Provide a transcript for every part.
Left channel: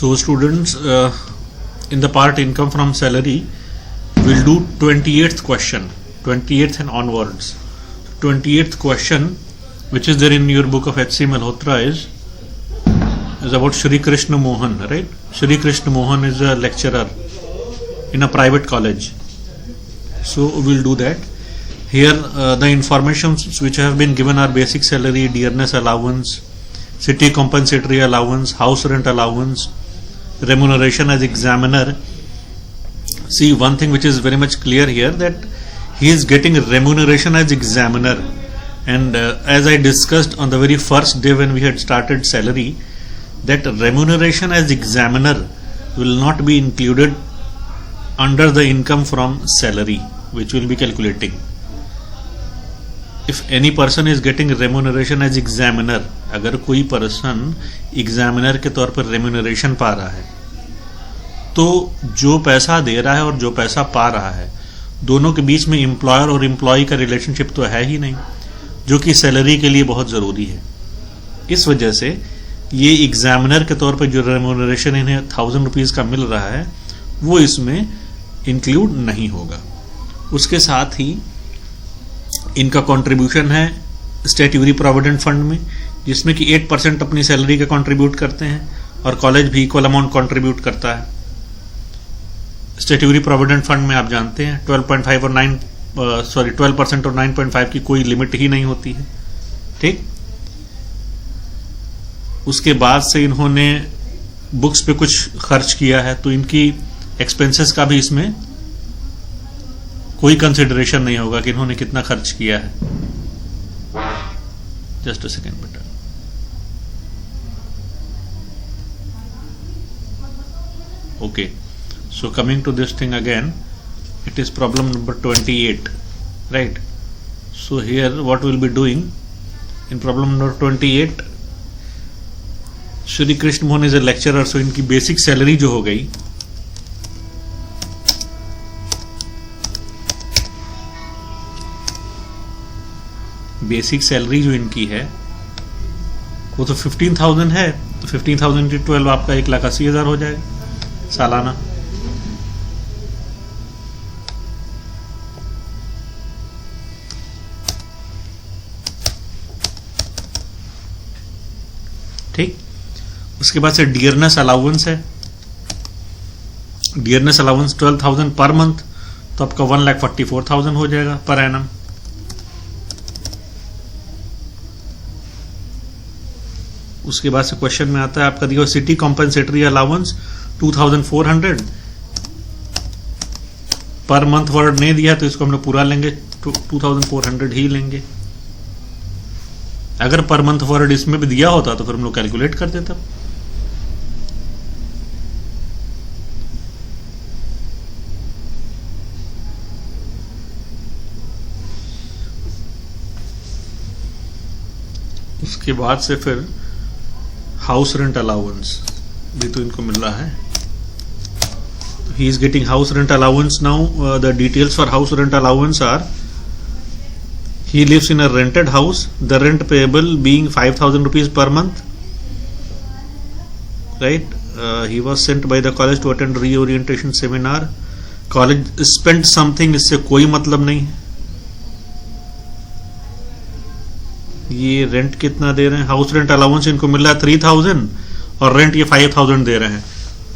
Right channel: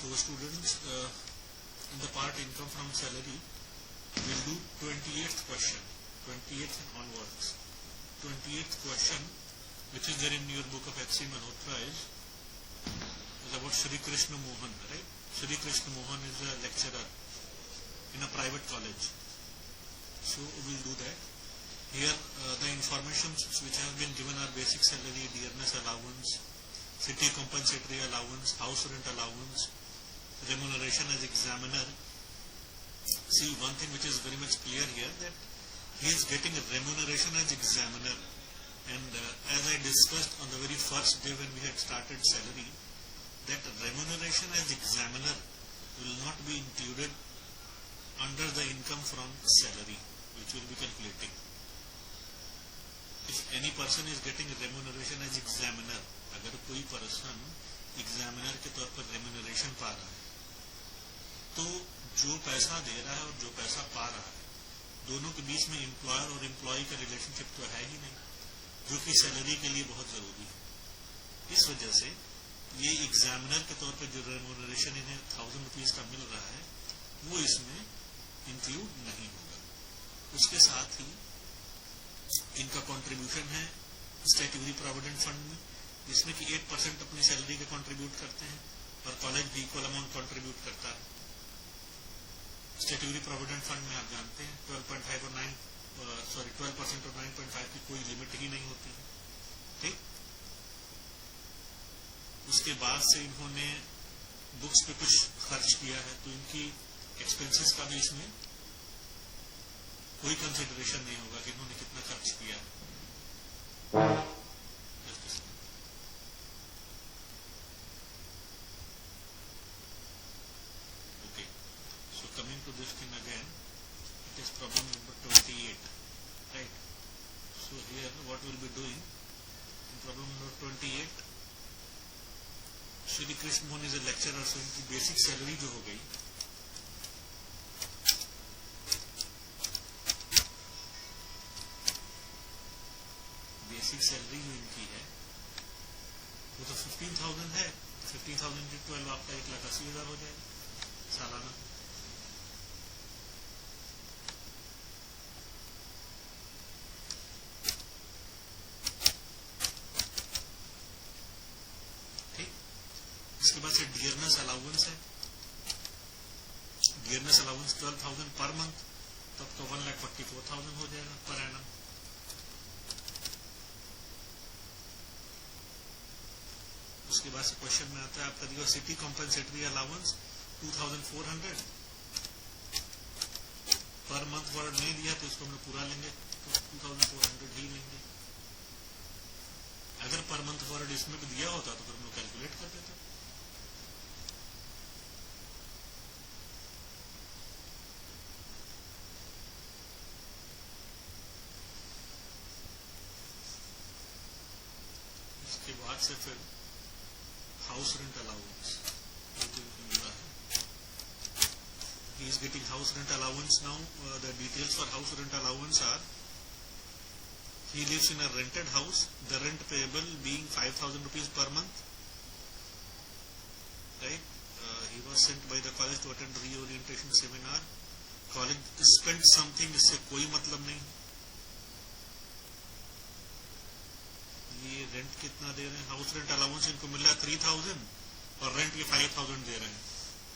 So students, in the part income from salary, we'll do 28th question, 28th and onwards. 28th question, which is there in your book of H.C. Malhotra, is about Shri Krishna Mohan, right? Shri Krishna Mohan is a lecturer in a private college. So we'll do that. Here the information which have been given are basic salary, dearness allowance, city compensatory allowance, house rent allowance, remuneration as examiner. See, one thing which is very much clear here, that he is getting remuneration as examiner, and as I discussed on the very first day when we had started salary, that remuneration as examiner will not be included under the income from salary which will be calculating. If any person is getting remuneration as examiner, अगर कोई person examiner के तौर पर remuneration पा रहा है, तो जो पैसा दे रहा है और जो पैसा पा रहा है, दोनों के बीच में एम्प्लॉयर और एम्प्लॉय का रिलेशनशिप तो है ही नहीं, जो कि सैलरी के लिए बहुत ज़रूरी है. इस वजह से ये एग्जामिनर के तौर पर जो रेम्यूनरेशन इन्हें 1000 रुपीज़ का मिल रहा है, वो इसमें इंक्लूड नहीं होगा. उसके साथ ही इनका कंट्रीब्यूशन है स्टैट्यूटरी प्रोविडेंट फंड में, जिसमें कि 8% अपनी सैलरी का कंट्रीब्यूट करते हैं, और कॉलेज भी इक्वल अमाउंट कंट्रीब्यूट करता है. स्टैट्यूटरी प्रोविडेंट फंड में आप जानते हैं 12.5 और 12% और 9.5 की कोई लिमिट ही नहीं होती है. ठीक. उसके बाद से इन्होंने बुक्स पे कुछ खर्च किया है, तो इनकी एक्सपेंसेस का भी इसमें कोई कंसिडरेशन नहीं होगा कि इन्होंने कितना खर्च किया है. जस्ट अ सेकेंड बेटा. Okay, so coming to this thing again, it is problem number 28, right? So here what we'll be doing in problem number 28, Shri Krishna Mohan is a lecturer, so इनकी basic salary जो हो गई, basic salary जो इनकी है वो तो 15,000 है, तो 15,000 × 12 आपका 1,80,000 हो जाएगा सालाना. ठीक. उसके बाद से डियरनेस अलाउंस है. डियरनेस अलाउंस 12,000 पर मंथ, तो आपका 1,44,000 हो जाएगा पर एनम. उसके बाद से क्वेश्चन में आता है आपका दिया city compensatory allowance 2,400 per month. Word नहीं दिया तो इसको हम लोग पूरा लेंगे, 2,400 ही लेंगे. अगर पर मंथ वर्ड इसमें भी दिया होता तो फिर हम लोग कैलकुलेट कर देते. उसके बाद से फिर हाउस रेंट अलाउंस भी तो इनको मिल रहा है. He is getting house rent allowance. Now the details for house rent allowance are: he lives in a rented house, the rent payable being 5,000 rupees per month, right? He was sent by the college to attend reorientation seminar. College spent something, इससे कोई मतलब नहीं है. ये rent कितना दे रहे हैं? House rent allowance इनको मिल रहा है 3,000 और रेंट ये 5,000 दे रहे हैं.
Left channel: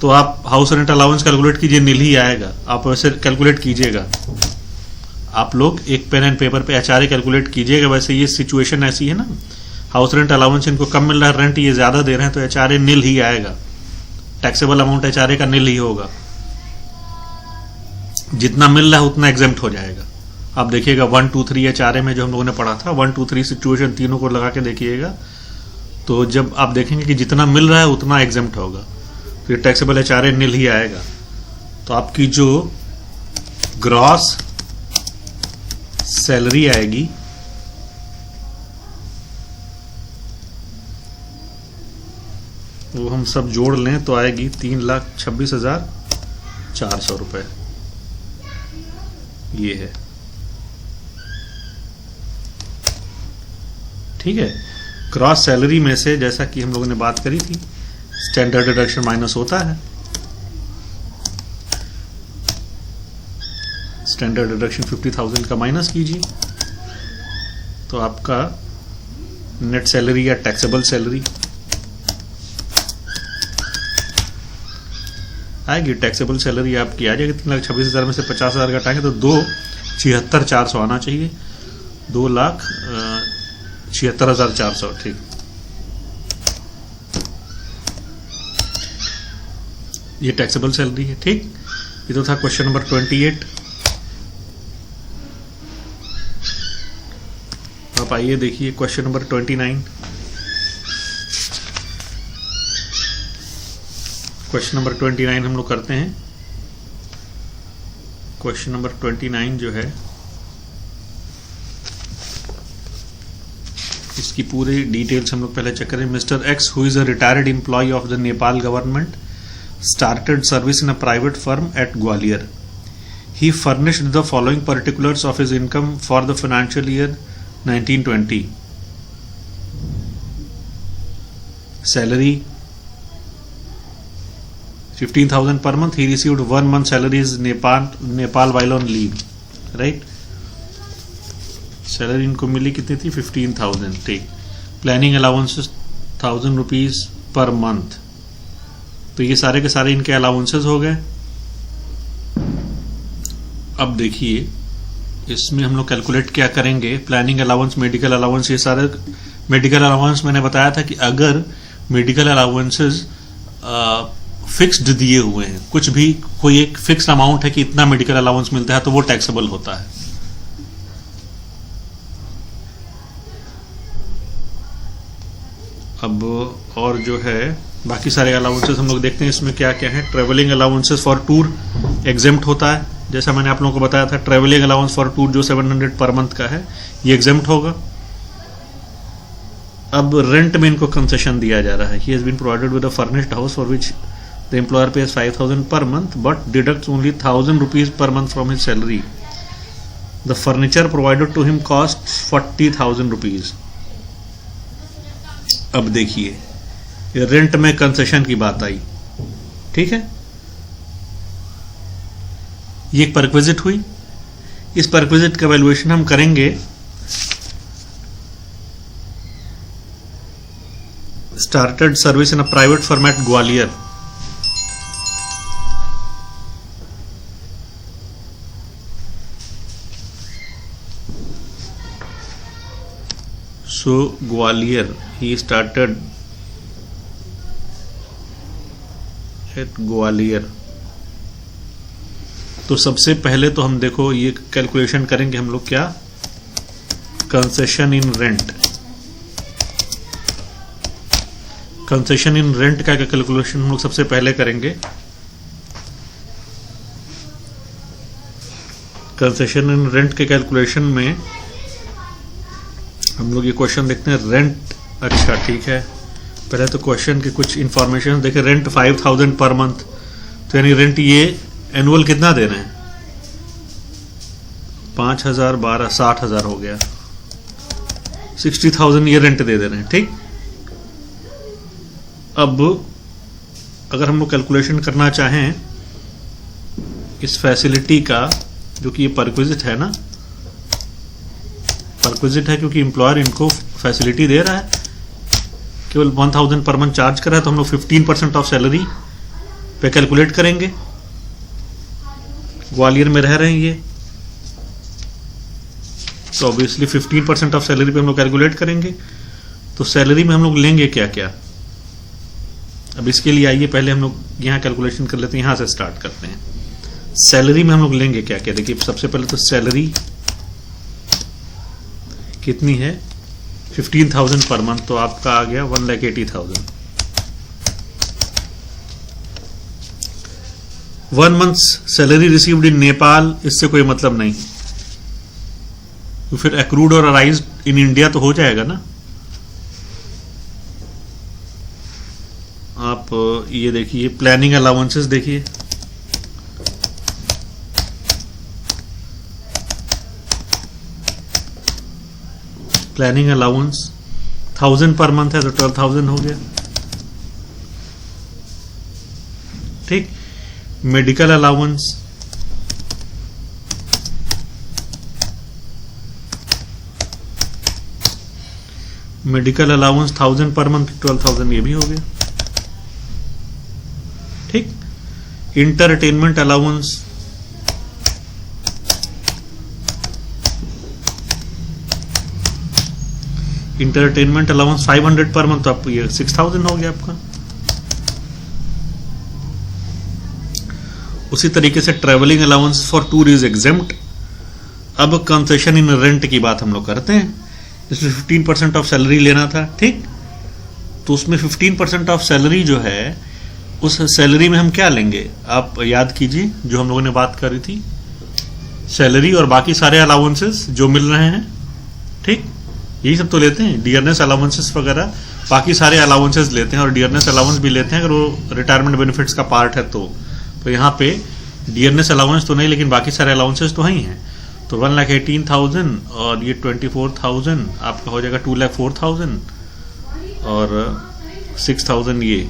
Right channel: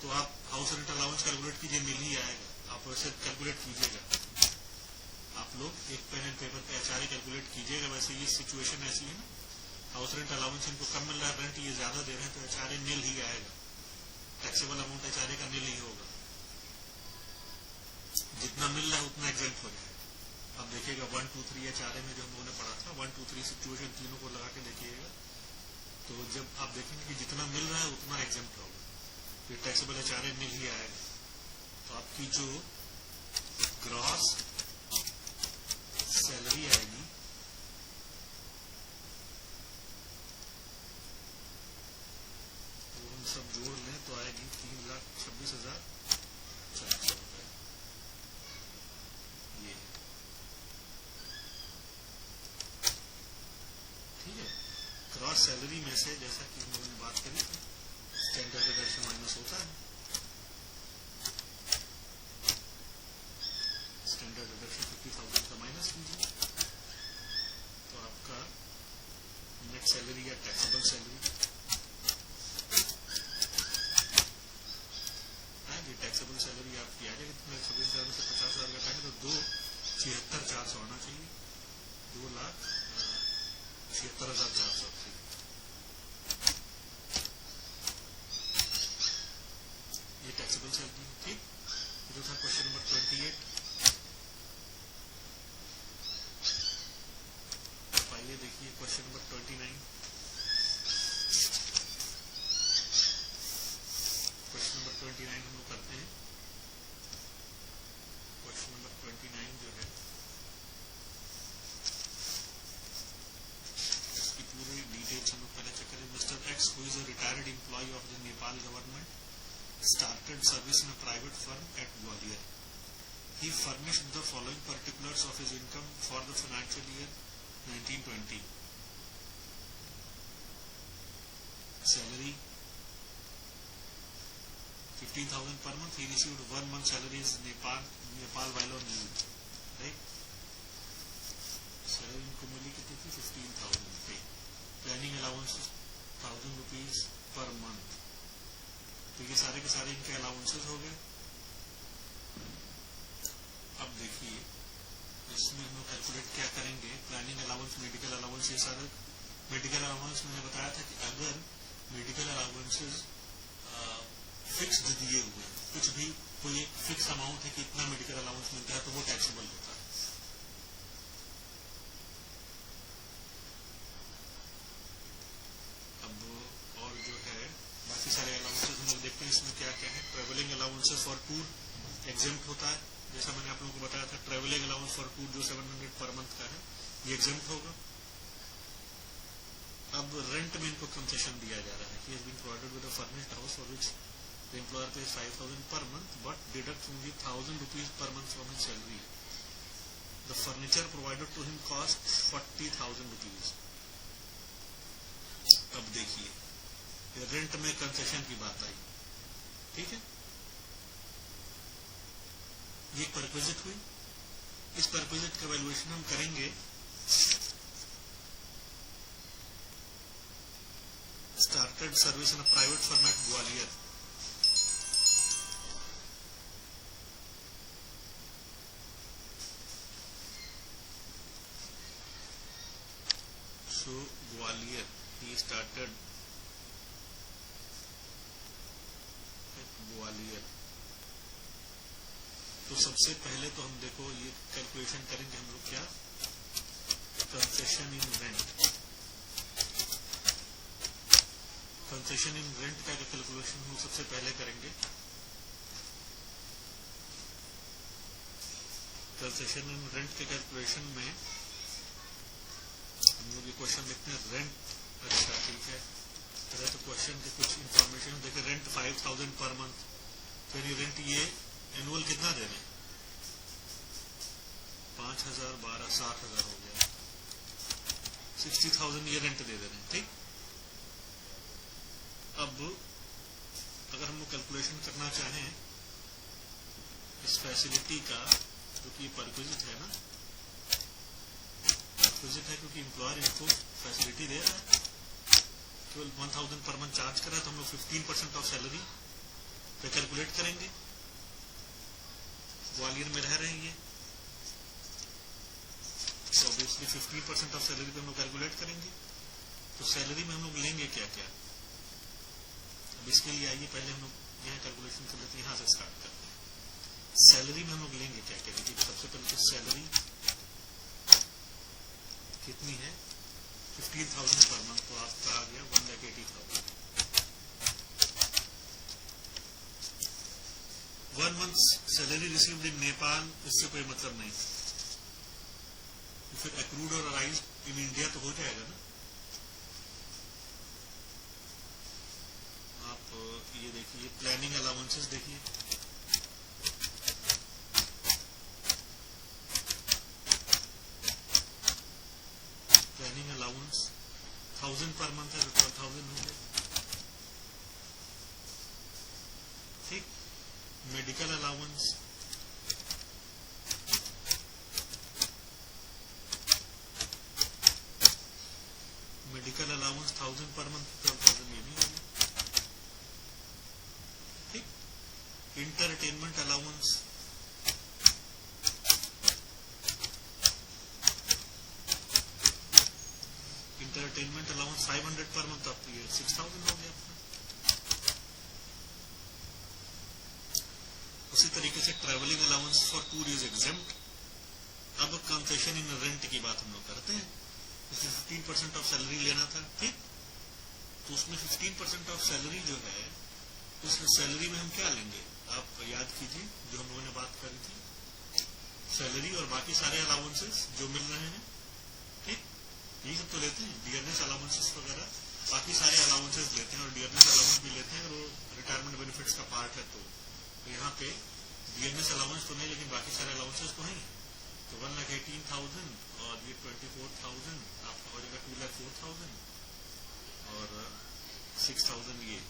तो आप हाउस रेंट अलाउंस कैलकुलेट कीजिए, नील ही आएगा. आप वैसे कैलकुलेट कीजिएगा, आप लोग एक पेन एंड पेपर पे एचआरए कैलकुलेट कीजिएगा. वैसे ये सिचुएशन ऐसी है ना, हाउस रेंट अलाउंस इनको कम मिल रहा है, रेंट ये ज्यादा दे रहे हैं, तो एचआरए नील ही आएगा. टैक्सेबल अमाउंट एचआरए का नील ही होगा. जितना मिल रहा है उतना एग्जेम्प्ट हो जाएगा. आप देखिएगा 1, 2, 3 एचआरए में जो हम लोगों ने पढ़ा था, 1, 2, 3 सिचुएशन तीनों को लगा के देखिएगा, तो जब आप देखेंगे कि जितना मिल रहा है उतना एग्जेम्प्ट होगा, फिर टैक्सेबल एचआरए नील ही आएगा. तो आपकी जो ग्रॉस सैलरी आएगी वो हम सब जोड़ लें तो आएगी 3,26,400 रुपए. ये है. ठीक है. क्रॉस सैलरी में से जैसा कि हम लोगों ने बात करी थी स्टैंडर्ड डिडक्शन माइनस होता है, स्टैंडर्ड डिडक्शन 50,000 का माइनस कीजिए तो आपका नेट सैलरी या टैक्सेबल सैलरी आएगी। टैक्सेबल सैलरी आपकी आ जाएगी 3,26,000 में से 50,000 घटाएंगे तो 2,76,400 आना चाहिए। 2,76,400 ठीक। ये टैक्सेबल सैलरी है ठीक। ये तो था क्वेश्चन नंबर 28। आप आइए देखिए क्वेश्चन नंबर 29। क्वेश्चन नंबर 29 हम लोग करते हैं। क्वेश्चन नंबर 29 जो है इसकी पूरी डिटेल्स हम लोग पहले चेक करें। Mister X who is a retired employ of the Nepal government started service in a private firm at Gwalior. He furnished the following particulars of his income for the financial year 1920. Salary 15,000 per month. He received 1 month salary is Nepal while on leave. Right? Salary इनको मिली कितनी थी 15,000 ठीक। Planning allowances 1,000 rupees per month। तो ये सारे के सारे इनके अलाउंसेस हो गए। अब देखिए इसमें हम लोग कैलकुलेट क्या करेंगे। प्लानिंग अलाउंस, मेडिकल अलाउंस, ये सारे मेडिकल अलाउंस मैंने बताया था कि अगर मेडिकल अलाउंसेस फिक्स्ड दिए हुए हैं, कुछ भी कोई एक फिक्स्ड अमाउंट है कि इतना मेडिकल अलाउंस मिलता है तो वो टैक्सेबल होता है। अब और जो है बाकी सारे अलाउंसेस हम लोग देखते हैं इसमें क्या क्या है। Travelling allowances for tour exempt होता है, जैसा मैंने आप लोगों को बताया था। ट्रेवलिंग अलाउंस फॉर टूर जो 700 पर मंथ का है ये एग्जेम्प्ट होगा। अब रेंट में इनको कंसेशन दिया जा रहा है। He has been provided with a furnished house for which the employer pays 5,000 per month but deducts only 1,000 rupees per month from his salary. The furniture provided to him cost 40,000 rupees. अब देखिए rent में concession की बात आई, ठीक है। ये एक perquisite हुई। इस परक्विजिट का वैल्यूएशन हम करेंगे started service in a private firm at Gwalior. So Gwalior ही स्टार्टेड एट ग्वालियर। तो सबसे पहले तो हम देखो ये कैलकुलेशन करेंगे हम लोग, क्या कंसेशन इन रेंट। कंसेशन इन रेंट का कैलकुलेशन हम लोग सबसे पहले करेंगे। कंसेशन इन रेंट के कैलकुलेशन में हम लोग ये क्वेश्चन देखते हैं। रेंट, अच्छा ठीक है, पहले तो क्वेश्चन के कुछ इंफॉर्मेशन देखें। रेंट 5,000 पर मंथ, तो यानी रेंट ये एनुअल कितना दे रहे हैं 5,000 12 60,000 हो गया। 60,000 ये रेंट दे रहे हैं ठीक। अब अगर हम लोग कैलकुलेशन करना चाहें इस फैसिलिटी का, जो कि ये परक्विजिट है ना, परक्विजिट है क्योंकि एम्प्लॉयर इनको फैसिलिटी दे रहा है, केवल 1,000 पर मंथ चार्ज कर रहा है, तो हम लोग 15% ऑफ सैलरी पे कैलकुलेट करेंगे। ग्वालियर में रह रहे हैं ये, तो ऑब्वियसली 15% ऑफ सैलरी पे हम लोग कैलकुलेट करेंगे। तो सैलरी में हम लोग लेंगे क्या क्या, अब इसके लिए आइए पहले हम लोग यहाँ कैलकुलेशन कर लेते हैं। यहाँ से स्टार्ट करते हैं। सैलरी में हम लोग लेंगे क्या क्या, देखिए सबसे पहले तो सैलरी कितनी है 15,000 पर मंथ, तो आपका आ गया 1,80,000। 1 month salary received in Nepal, इससे कोई मतलब नहीं, तो फिर एक्रूड और अराइज इन इंडिया तो हो जाएगा ना। आप ये देखिए प्लानिंग अलाउंसेस देखिए, प्लानिंग अलाउंस 1,000 पर मंथ है तो 12,000 हो गया। ठीक। Medical allowance, medical allowance 1000 per month, 12,000 ये भी हो गया। ठीक। Entertainment allowance, entertainment allowance 500 per month, तो आपको ये 6000 हो गया आपका। उसी तरीके से travelling allowance for tour is exempt. अब कंसेशन इन रेंट की बात हम लोग करते हैं। इसमें 15% ऑफ सैलरी लेना था, ठीक। तो उसमें 15% ऑफ सैलरी जो है, उस सैलरी में हम क्या लेंगे, आप याद कीजिए जो हम लोगों ने बात करी थी, सैलरी और बाकी सारे अलाउंसेस जो मिल रहे हैं, ठीक, यही सब तो लेते हैं, डियरनेस अलाउंसेस वगैरह, बाकी सारे अलाउंसेस लेते हैं और डियरनेस अलाउंस भी लेते हैं अगर वो रिटायरमेंट बेनिफिट्स का पार्ट है तो यहाँ पे डियरनेस अलाउंस तो नहीं, लेकिन बाकी सारे अलाउंसेस तो ही हैं। तो 1,18,000 और ये 24,000 आपका हो जाएगा 2,04,000 और 6,000 ये,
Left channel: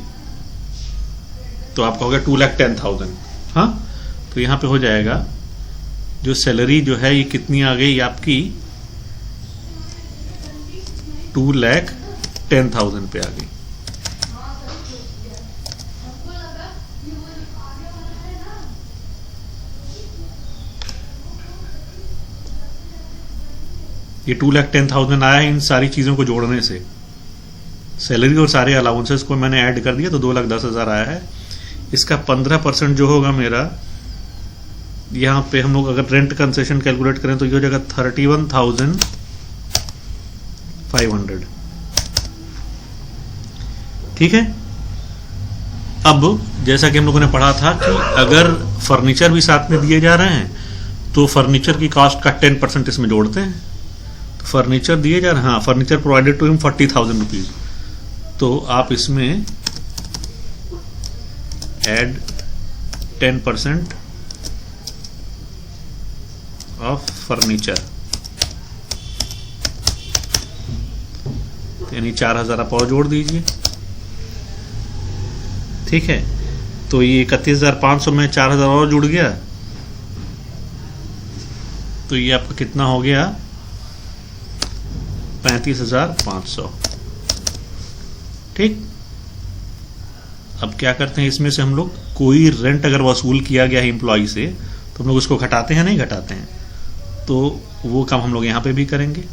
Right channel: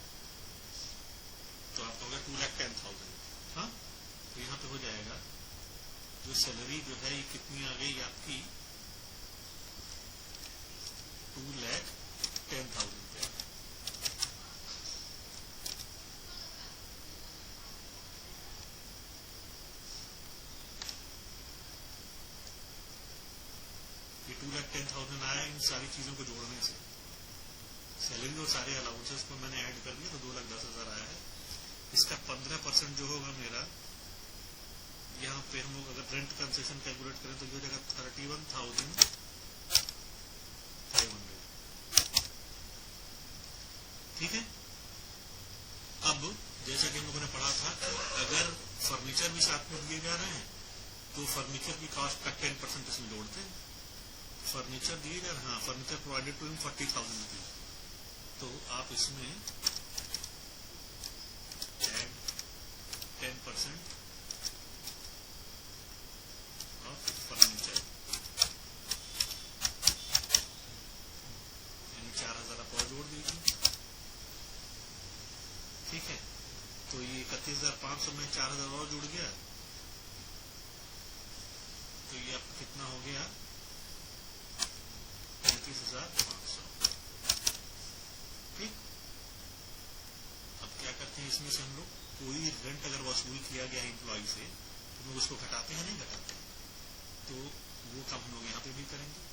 तो आपका हो गया 2,10,000। हाँ, तो यहाँ पे हो जाएगा जो सैलरी जो है ये कितनी आ गई आपकी, 2,10,000 पे आ गई। ये 2,10,000 आया है इन सारी चीज़ों को जोड़ने से। सैलरी और सारे अलाउंसेस को मैंने ऐड कर दिया तो 2,10,000 आया है। इसका 15% जो होगा मेरा, यहाँ पे हम लोग अगर रेंट कंसेशन कैलकुलेट करें तो ये हो जाएगा 31,500। ठीक है। अब जैसा कि हम लोगों ने पढ़ा था कि अगर फर्नीचर भी साथ में दिए जा रहे हैं तो फर्नीचर की कॉस्ट का 10% इसमें जोड़ते हैं। तो फर्नीचर दिए जा रहे हैं, हाँ, furniture provided to him 40,000 rupees, तो आप इसमें एड 10% ऑफ फर्नीचर, यानी 4,000 आप और जोड़ दीजिए। ठीक है, तो ये 31,500 में 4,000 और जुड़ गया, तो ये आपका कितना हो गया, 35,500। ठीक। अब क्या करते हैं, इसमें से हम लोग कोई रेंट अगर वसूल किया गया है एम्प्लॉय से तो हम लोग उसको घटाते हैं, नहीं घटाते हैं, तो वो काम हम लोग यहाँ पे भी करेंगे।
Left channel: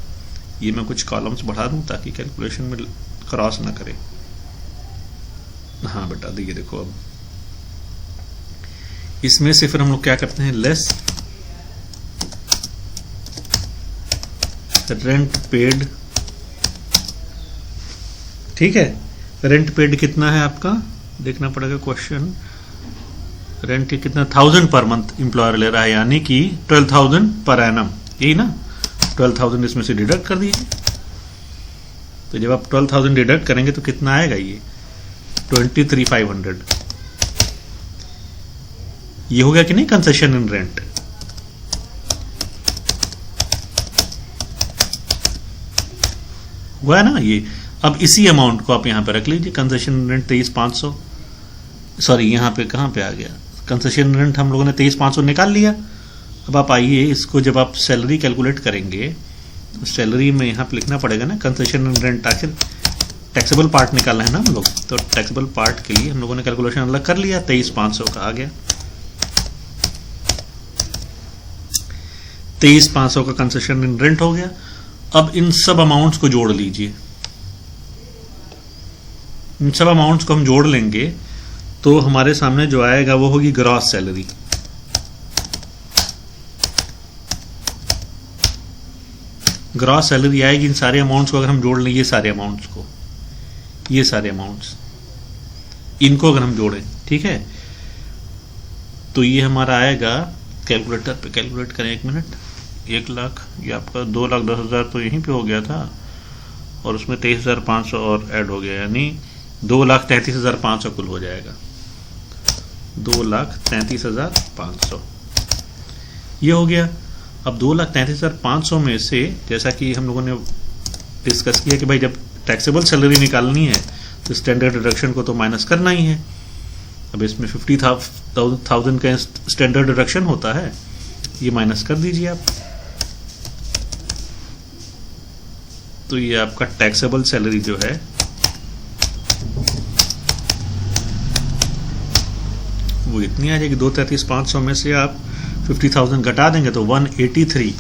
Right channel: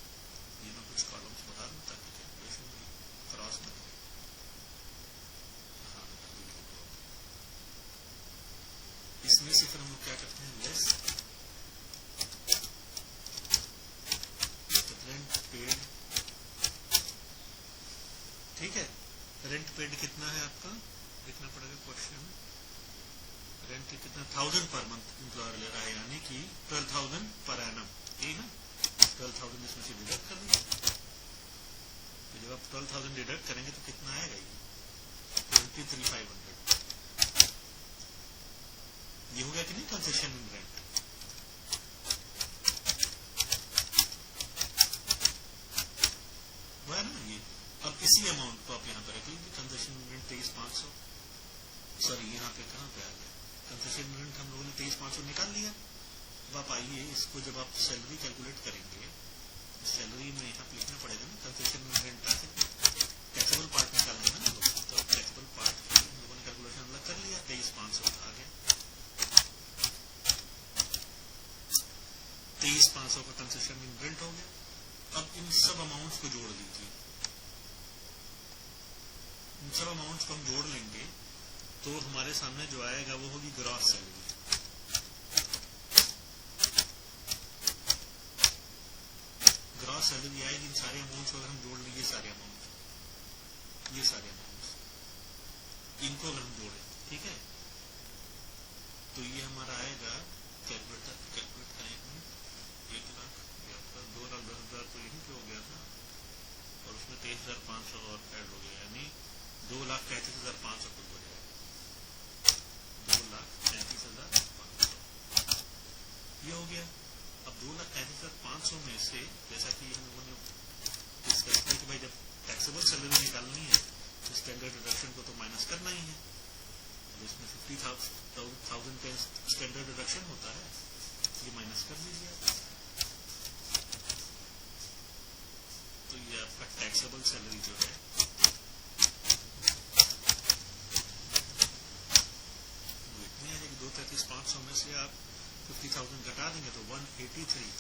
ये मैं कुछ कॉलम्स बढ़ा दूं ताकि कैलकुलेशन में क्रॉस ना करे। हाँ बेटा, देखिए देखो, अब इसमें से फिर हम लोग क्या करते हैं, लेस रेंट पेड। ठीक है, रेंट पेड कितना है आपका, देखना पड़ेगा क्वेश्चन। रेंट कितना, 1,000 पर मंथ एम्प्लॉयर ले रहा है, यानी कि 12,000 पर एनम, यही ना। 12,000 इसमें से डिडक्ट कर दीजिए, तो जब आप 12,000 डिडक्ट करेंगे तो कितना आएगा, ये 23,500। ये हो गया कि नहीं कंसेशन इन रेंट। हुआ है ना ये। अब इसी अमाउंट को आप यहां पे रख लीजिए, कंसेशन रेंट 23,500, सॉरी यहाँ पे कहां पे आ गया, कंसेशन रेंट हम लोगों ने 23,500 निकाल लिया। अब आप आइए, इसको जब आप सैलरी कैलकुलेट करेंगे तो सैलरी में यहाँ पे लिखना पड़ेगा ना कंसेशन रेंट, आखिर टैक्सेबल पार्ट निकालना है ना हम लोग, तो टैक्सेबल पार्ट के लिए हम लोगों ने कैलकुलेशन अलग कर लिया, 23,500 का आ गया। 23,500 का कंसेशन इन रेंट हो गया। अब इन सब अमाउंट्स को जोड़ लीजिए, इन सब अमाउंट्स को हम जोड़ लेंगे तो हमारे सामने जो आएगा वो होगी ग्रॉस सैलरी। ग्रॉस सैलरी आएगी इन सारे अमाउंट्स को अगर हम जोड़ लें, ये सारे अमाउंट्स को, ये सारे अमाउंट्स, इनको अगर हम जोड़ें, ठीक है, तो ये हमारा आएगा, कैलकुलेटर पे कैलकुलेट करें, 1 मिनट, 1 लाख, ये आपका 2,10,000 तो यहीं पे हो गया था और उसमें 23,500 और ऐड हो गया, यानी 2,33,500 कुल हो जाएगा, 2,33,500 ये हो गया। अब 2,33,500 में से, जैसा कि हम लोगों ने डिस्कस किया कि भाई जब टैक्सेबल सैलरी निकालनी है तो स्टैंडर्ड डिडक्शन को तो माइनस करना ही है, अब इसमें 50,000 का स्टैंडर्ड डिडक्शन होता है, ये माइनस कर दीजिए आप। तो ये आपका टैक्सेबल सैलरी जो है वो इतनी आ जाएगी। 2,33,500 में से आप 50,000 घटा देंगे तो 183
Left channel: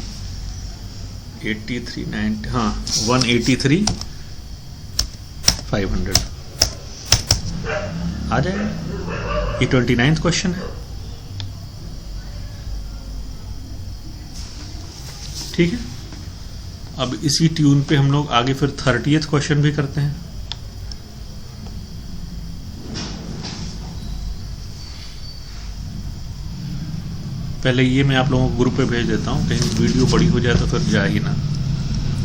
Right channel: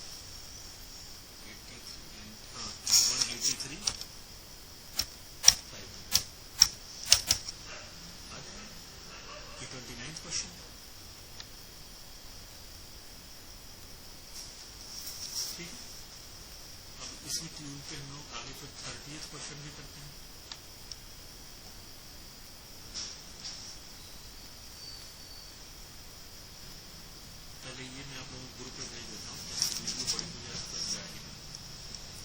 183,500 आ जाएगा। ये 29th क्वेश्चन है। ठीक है, अब इसी ट्यून पे हम लोग आगे फिर 30th क्वेश्चन भी करते हैं। पहले ये मैं आप लोगों को ग्रुप पे भेज देता हूँ, कहीं वीडियो बड़ी हो जाए तो फिर जा ही ना।